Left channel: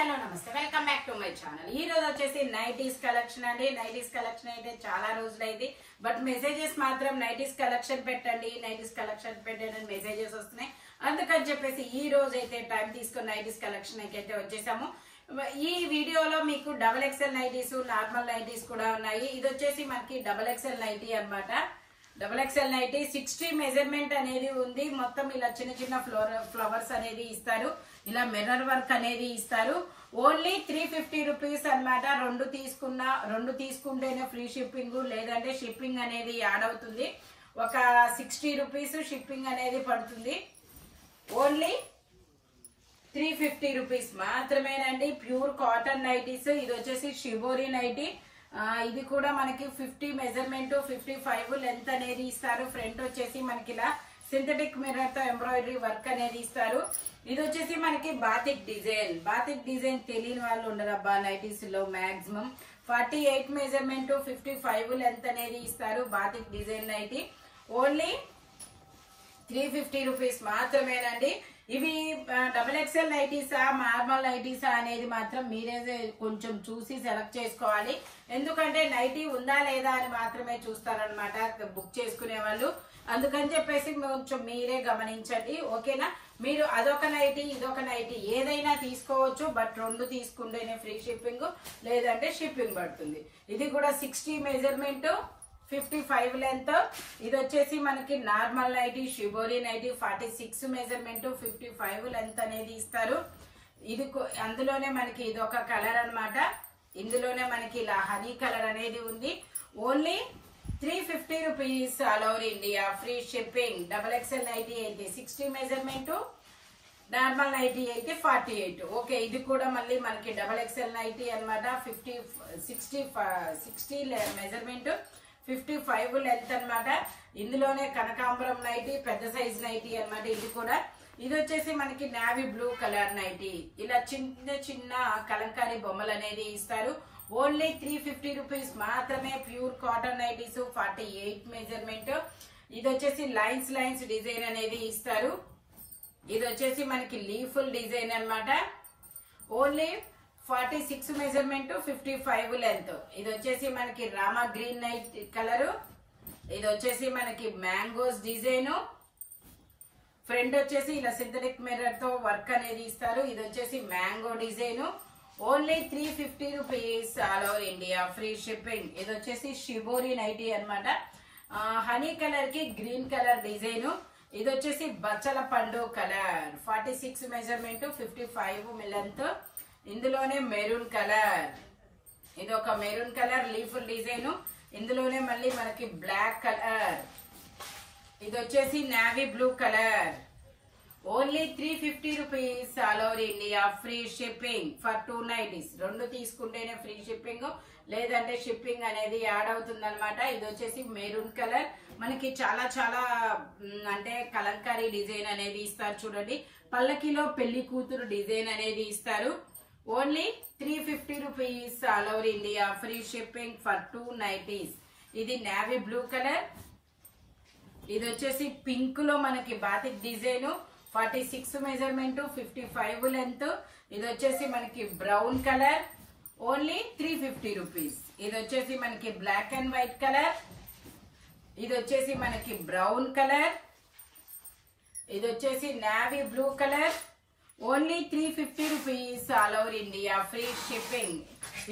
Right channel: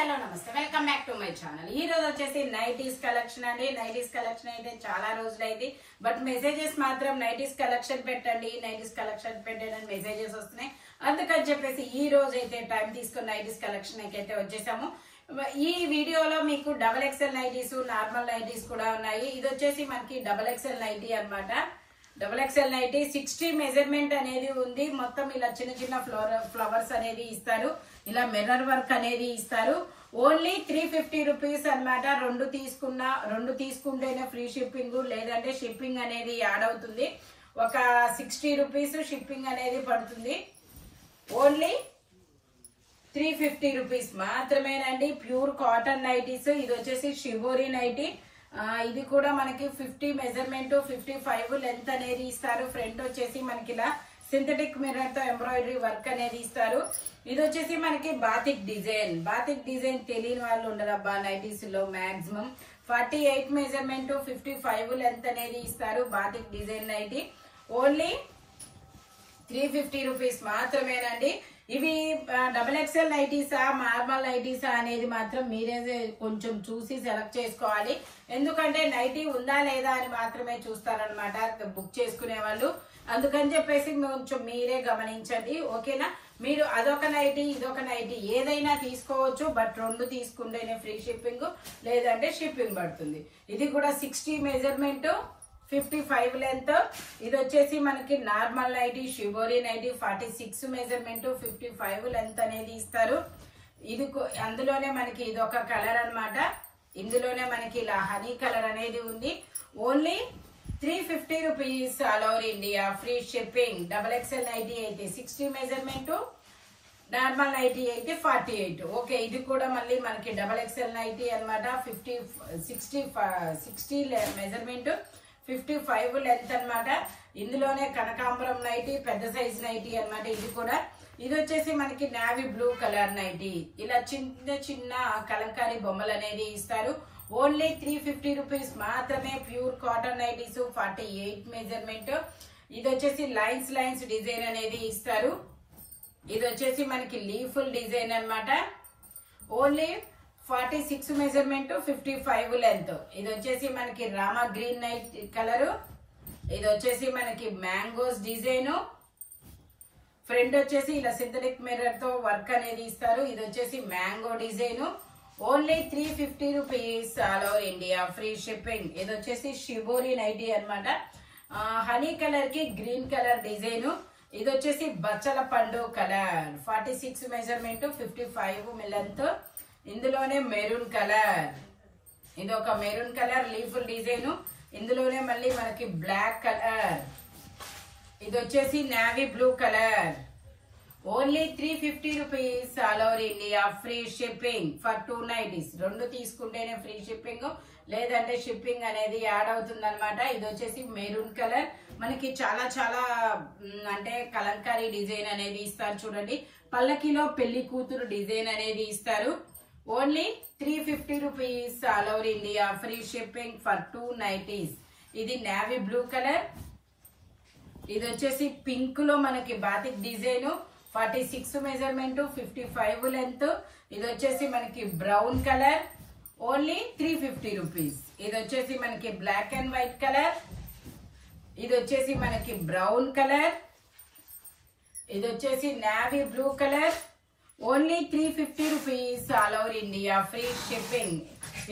Hello నమస్తే welcome back to my channel. ఈ రోజు వచ్చేసి నైటీస్ కలెక్షన్ అండి. నైటీస్ కలెక్షన్ అయితే చాలా రోజులైంది, బట్ మెసేజెస్ మాత్రం నైటీస్ కలెక్షన్ పెట్టండి నైటీస్ కలెక్షన్ పెట్టండి మెసేజెస్ వస్తున్నాయి. అందుకని చెప్పేసి ఈ రోజు అయితే టైం తీసుకుని నైటీస్ కలెక్షన్ అయితే వచ్చేసాము. ఈ వీడియోలో మీకు double XL nighties, normal nighties కూడా ఉన్నాయి. ఇది వచ్చేసి మనకి డబల్ ఎక్స్ఎల్ నైటీ అన్నమాట. డబల్ ఎక్స్ఎల్ నైటీ 60 మెజర్మెంట్ అనేది ఉంది. మొత్తం ఇలా చిన్న చిన్న ఫ్లవర్స్ అనేది ఇస్తారు, ఇలా మిర్రర్ వర్క్ అనేది ఇస్తారు. ఓన్లీ 350 రూపీస్ అన్నమాట. రెండు తీసుకుంటేనే ఫ్రీ షిప్పింగ్, లేదంటే షిప్పింగ్ అనేది యాడ్ అవుతుంది. ఒక 60 రూపీస్ షిప్పింగ్ అనేది పడుతుంది. ఓన్లీ 350 రూపీస్ మాత్రమేనండి. Pure cotton nighties. ఇది వచ్చేసి షిబోరి నైటీ. ఇది కూడా మనకి 50 మెజర్మెంట్, 55 లెంత్ అనేది ఇస్తారు. ఫ్రంట్ వచ్చేసి మనకి ఇలా సింథటిక్ మిర్రర్ తో ఎంబ్రాయిడరీ వర్క్ అనేది ఇస్తారు. ఇది వచ్చేసి మనకి బాతిక్ డిజైన్. బాతిక్ డిజైన్ తెలియని వాళ్ళు ఉండరు అబ్బా నైటీస్ లో. మాక్సిమం 48 మెజర్మెంట్, 55 లెంత్ అనేది ఇస్తారు. Batik design nighty only 350 rupees మాత్రమేనండి. ఇవి డబల్ ఎక్స్ఎల్ నైటీసా, నార్మల్ నైటీసా అనేది మాత్రం మీరే కొంచెం చూసి సెలెక్ట్ చేసుకోవాలి. ఎందుకంటే నైటీ ఉందా లేదా అని మాత్రమే చూస్తారనమాట బుక్ చేసుకునే వాళ్ళు. అందుకని చెప్పేసి కొంచెం మీరే గమనించండి, ఓకేనా. మీరు అదొక నైటీ ఇదొక నైటీ ఏదైనా తీసుకోవచ్చు, బట్ రెండు తీసుకుంటేనే ఫ్రీ షిప్పింగ్, లేదంటే షిప్పింగ్ పడుతుంది. ఇది కూడా 60 మెజర్మెంట్, 55 లెంత్. ఇది వచ్చేసి మనకి normal nighty shibori nighty 46 measurement, 55 length అనేది ఇస్తారు. ఇది అందులోనే మనకి ఇది ఒక కలర్ అన్నమాట. ఇందులోనే మనకి ఇలా హనీ కలర్ అనేది ఉంది. Only 350 rupees all over India, free shipping. Double XL nighty అయితే 60 మెజర్మెంట్, నార్మల్ నైటీ అయితే 48. ఓకే, ఇది కూడా మళ్ళీ మనకి డబల్ ఎక్స్ఎల్ నైటీ అనమాట. 60 మెజర్మెంట్, 55 లెంత్ అన్నమాట. ఇందులోనే కనకాంబరం నైటీ, పెద్ద సైజ్ నైటీ అన్నమాట. ఇది వచ్చేసి మనకి నావీ బ్లూ కలర్ నైటీ. ఇలా చిన్న చిన్న కలంకారీ బొమ్మలు అనేది ఇస్తారు. ఓన్లీ 350 రూపీస్ మాత్రమే. Pure cotton nighties, 48 measurement. ఇది వచ్చేసి లైన్స్ డిజైన్ అనేది ఇస్తారు. ఇది వచ్చేసి మనకి లీఫుల్ డిజైన్ అన్నమాట. Only 46 measurement, 55 length. ఇది వచ్చేసి మనకి రామా గ్రీన్ నైట్ కలరు. ఇది వచ్చేసి మనకి మ్యాంగోస్ డిజైన్. ఫ్రంట్ వచ్చేసి ఇలా సింథటిక్ మిర్రర్ తో వర్క్ అనేది ఇస్తారు. ఇది వచ్చేసి mango design. Only 350 rupees all over India, free shipping. ఇది వచ్చేసి షిబోరి నైటీ అన్నమాట. హనీ కలర్ కి గ్రీన్ కలర్ డిజైన్. ఇది వచ్చేసి బచ్చల పండు కలర్, 46 మెజర్మెంట్, 55 లెంత్. ఇందులోనే మెరూన్ కలర్. ఇది ఒక మెరూన్ కలర్ లీఫుల్ డిజైన్. ఇందులోనే మళ్ళీ మనకి బ్లాక్ కలర్. ఇది వచ్చేసి navy blue colour. Only 350 rupees all over India, free shipping for 2 nighties. రెండు తీసుకుంటేనే ఫ్రీ షిప్పింగ్, లేదంటే షిప్పింగ్ అనేది యాడ్ అవుతుంది అనమాట. ఇది వచ్చేసి మెరూన్ కలర్. మనకి చాలా చాలా అంటే కలంకారీ డిజైన్ అనేది ఇస్తారు చూడండి. పల్లకిలో పెళ్లి కూతురు డిజైన్ అనేది ఇస్తారు. Only 350 rupees all over India, free shipping for 2 nighties. ఇది నావీ బ్లూ కలర్. ఇది వచ్చేసి పింక్ లో మనకి బాతిక్ డిజైన్, 46 మెజర్మెంట్, 55 లెంత్. ఇది వచ్చేసి మనకి బ్రౌన్ కలర్. Only 350 rupees. ఇది వచ్చేసి మనకి బ్లాక్ అండ్ వైట్ కలర్. ఇది వచ్చేసి మనకి బ్రౌన్ కలర్. ఇది వచ్చేసి navy blue colour. Only 350 rupees all over India, free shipping.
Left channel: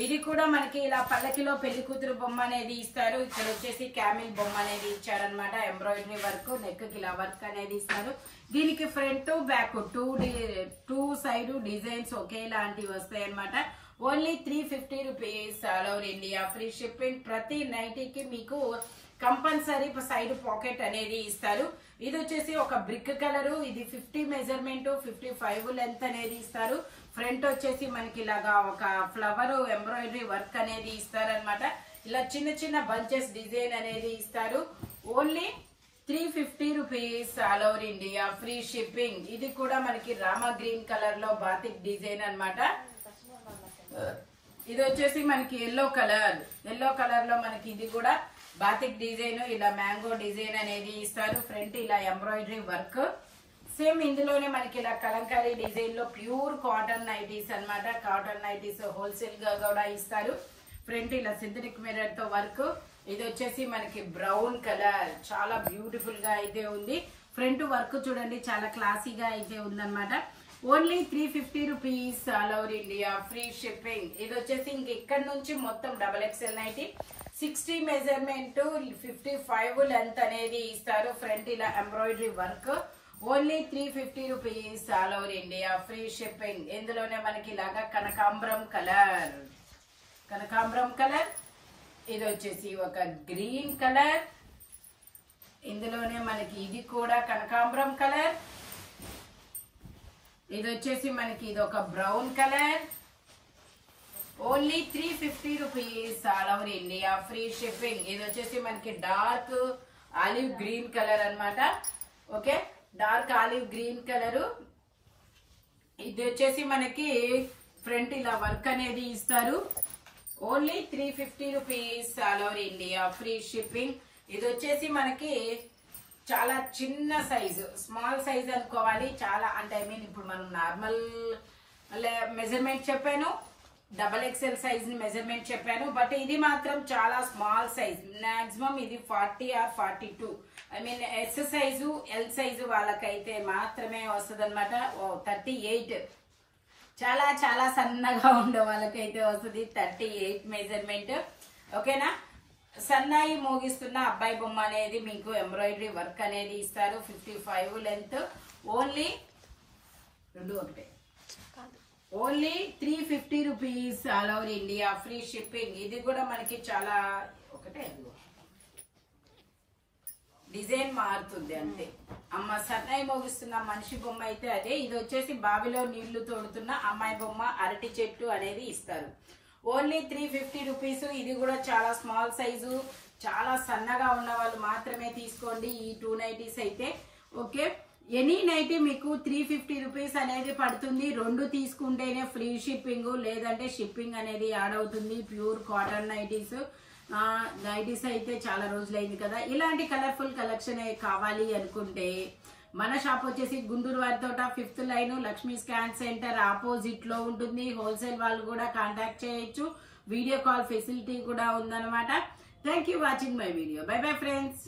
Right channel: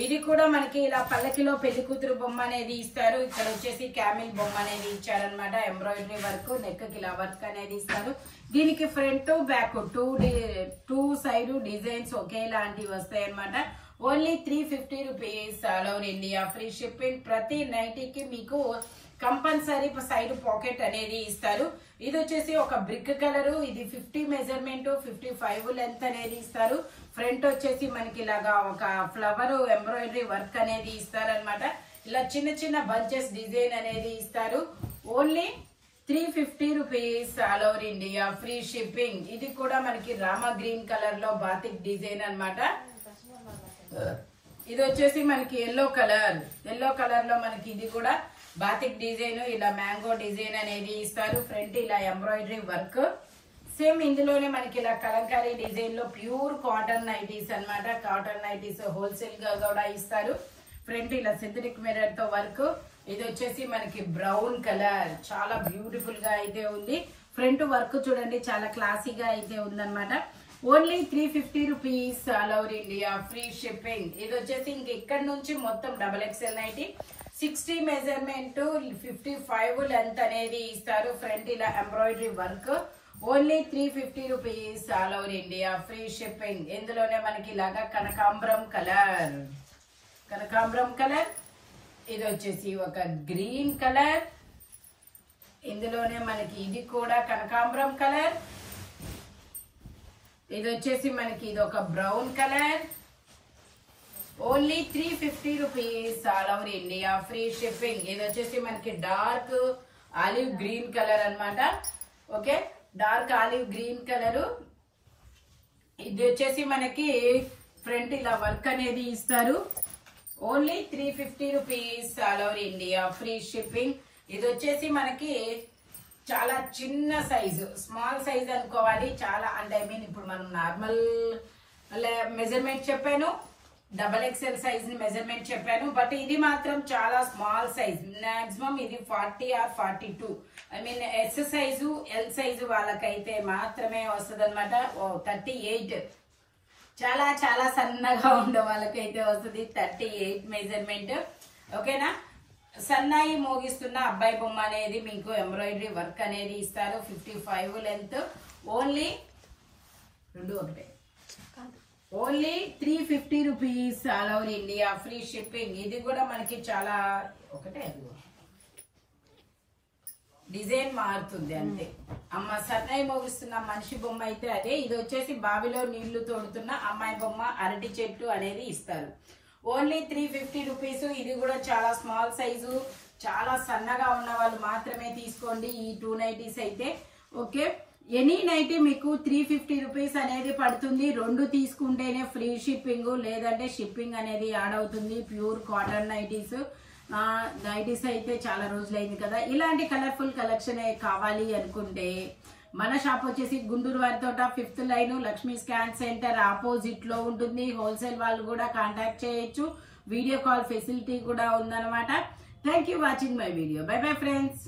ఇది కూడా మనకి ఇలా పల్లకిలో పెళ్లి కూతురు బొమ్మ అనేది ఇస్తారు. ఇక్కడ వచ్చేసి క్యామిల్ బొమ్మ అనేది ఇచ్చారనమాట. ఎంబ్రాయిడరీ వర్క్, నెక్ కి ఇలా వర్క్ అనేది ఇస్తారు. దీనికి front back two side designs ఒకేలాంటివి వస్తాయి అనమాట. Only 350 rupees all over India, free shipping. ప్రతి నైటీకి మీకు కంపల్సరీ సైడ్ పాకెట్ అనేది ఇస్తారు. ఇది వచ్చేసి ఒక బ్రిక్ కలర్. ఇది 50 మెజర్మెంట్, 55 లెంత్ అనేది ఇస్తారు. ఫ్రంట్ వచ్చేసి మనకి ఇలాగా ఒక ఫ్లవర్ ఎంబ్రాయిడరీ వర్క్ అనేది ఇస్తారనమాట. ఇలా చిన్న చిన్న బంచెస్ డిజైన్ అనేది ఇస్తారు. Only 350 rupees all over India, free shipping. ఇది కూడా మనకి రామా గ్రీన్ కలర్ లో బాతిక్ డిజైన్ అన్నమాట. ఇది వచ్చేసి మనకి ఎల్లో కలర్ లో మనకి ఇది కూడా బాతిక్ డిజైన్, ఇలా మ్యాంగో డిజైన్ అనేది ఇస్తారు. ఫ్రంట్ ఇలా ఎంబ్రాయిడరీ వర్క్, సేమ్ ఇందులోనే మనకి ఇలా కలంకారీ డిజైన్ లో ప్యూర్ కాటన్ నైటీస్ అన్నమాట. కాటన్ నైటీస్ హోల్సేల్ గా కూడా ఇస్తారు. ఫ్రంట్ ఇలా సింథటిక్ మిర్రర్ తో వర్క్. ఇది వచ్చేసి మనకి బ్రౌన్ కలర్, చాలా బ్యూటిఫుల్ గా అయితే ఉంది. ఫ్రంట్ వర్క్ చూడండి చాలా క్లాసీగా అయితే ఉందన్నమాట. Only 350 rupees all over India, free shipping. ఇది వచ్చేసి ఇంక ఇక్కడ నుంచి మొత్తం XXL నైటీ 60 మెజర్మెంట్ 55 లెంత్ అనేది ఇస్తారు. ఫ్రంట్ ఇలా embroidery work. Only 350 rupees all over India, free shipping. ఇందులోనే మనకి ఇలాగా కనకాంబరం కలర్, కనకాంబరం కలర్. ఇది వచ్చేసి ఒక గ్రీన్ కలర్. ఇందులోనే మనకి ఇది కూడా కనకాంబరం కలర్. ఇది వచ్చేసి మనకి ఇది ఒక brown colour. Only 350 rupees all over India, free shipping. ఇది వచ్చేసి మనకి డార్క్ ఆలివ్ గ్రీన్ కలర్ అన్నమాట. Okay, dark olive green colour. ఇది వచ్చేసి మనకి ఫ్రంట్ ఇలా వర్క్ అనేది ఇస్తారు. Only 350 rupees all over India, free shipping. ఇది వచ్చేసి మనకి చాలా చిన్న సైజు, స్మాల్ సైజ్ అనుకోవాలి. చాలా అంటే ఐ మీన్ ఇప్పుడు మనం నార్మల్ మెజర్మెంట్ చెప్పాను, XXL సైజ్ మెజర్మెంట్ చెప్పాను. బట్ ఇది మాత్రం చాలా స్మాల్ సైజ్. మాక్సిమం ఇది 40 or 42. I mean yes size, L size వాళ్ళకైతే మాత్రమే వస్తుంది అనమాట. 38 చాలా చాలా సన్నగా ఉండే వాళ్ళకైతే వస్తుంది 38 మెజర్మెంట్. ఓకేనా. సన్నాయి మోగిస్తున్న అబ్బాయి బొమ్మ అనేది మీకు ఎంబ్రాయిడరీ వర్క్ అనేది ఇస్తారు. 55 length. Only 350 rupees all over India, free shipping. ఇది కూడా మనకి చాలా ఒకటే డిజైన్ మారుతుంది అంతే. అమ్మ సన్నాయి మోగిస్తున్న మనిషి బొమ్మ అయితే అదే. ఇది వచ్చేసి బావిలో నీళ్లు తోడుతున్న అమ్మాయి బొమ్మ, అరటి చెట్టు అనేది ఇస్తారు. Only 350 rupees. ఇది కూడా చాలా స్మాల్ సైజు, చాలా సన్నగా ఉన్న వాళ్ళు మాత్రమే తీసుకోండి ఈ 2 నైటీస్ అయితే. ఓకే, ఎనీ నైటీ మీకు 350 రూపీస్ అనేది పడుతుంది. 2 తీసుకుంటేనే ఫ్రీ షిప్పింగ్, లేదంటే షిప్పింగ్ అనేది యాడ్ అవుతుంది. Pure cotton nighties. నైటీస్ అయితే చాలా రోజులైంది కదా. ఇలాంటి కలర్ఫుల్ కలెక్షన్ కావాలి అనుకుంటే మన షాప్ వచ్చేసి Guntur వారితోట 5th line Lakshmi scan centre opposite లో ఉంటుంది. హోల్సేల్ వాళ్ళు కూడా కాంటాక్ట్ చేయొచ్చు. వీడియో కాల్ ఫెసిలిటీ కూడా ఉందన్నమాట. Thank you watching my video. By bye friends.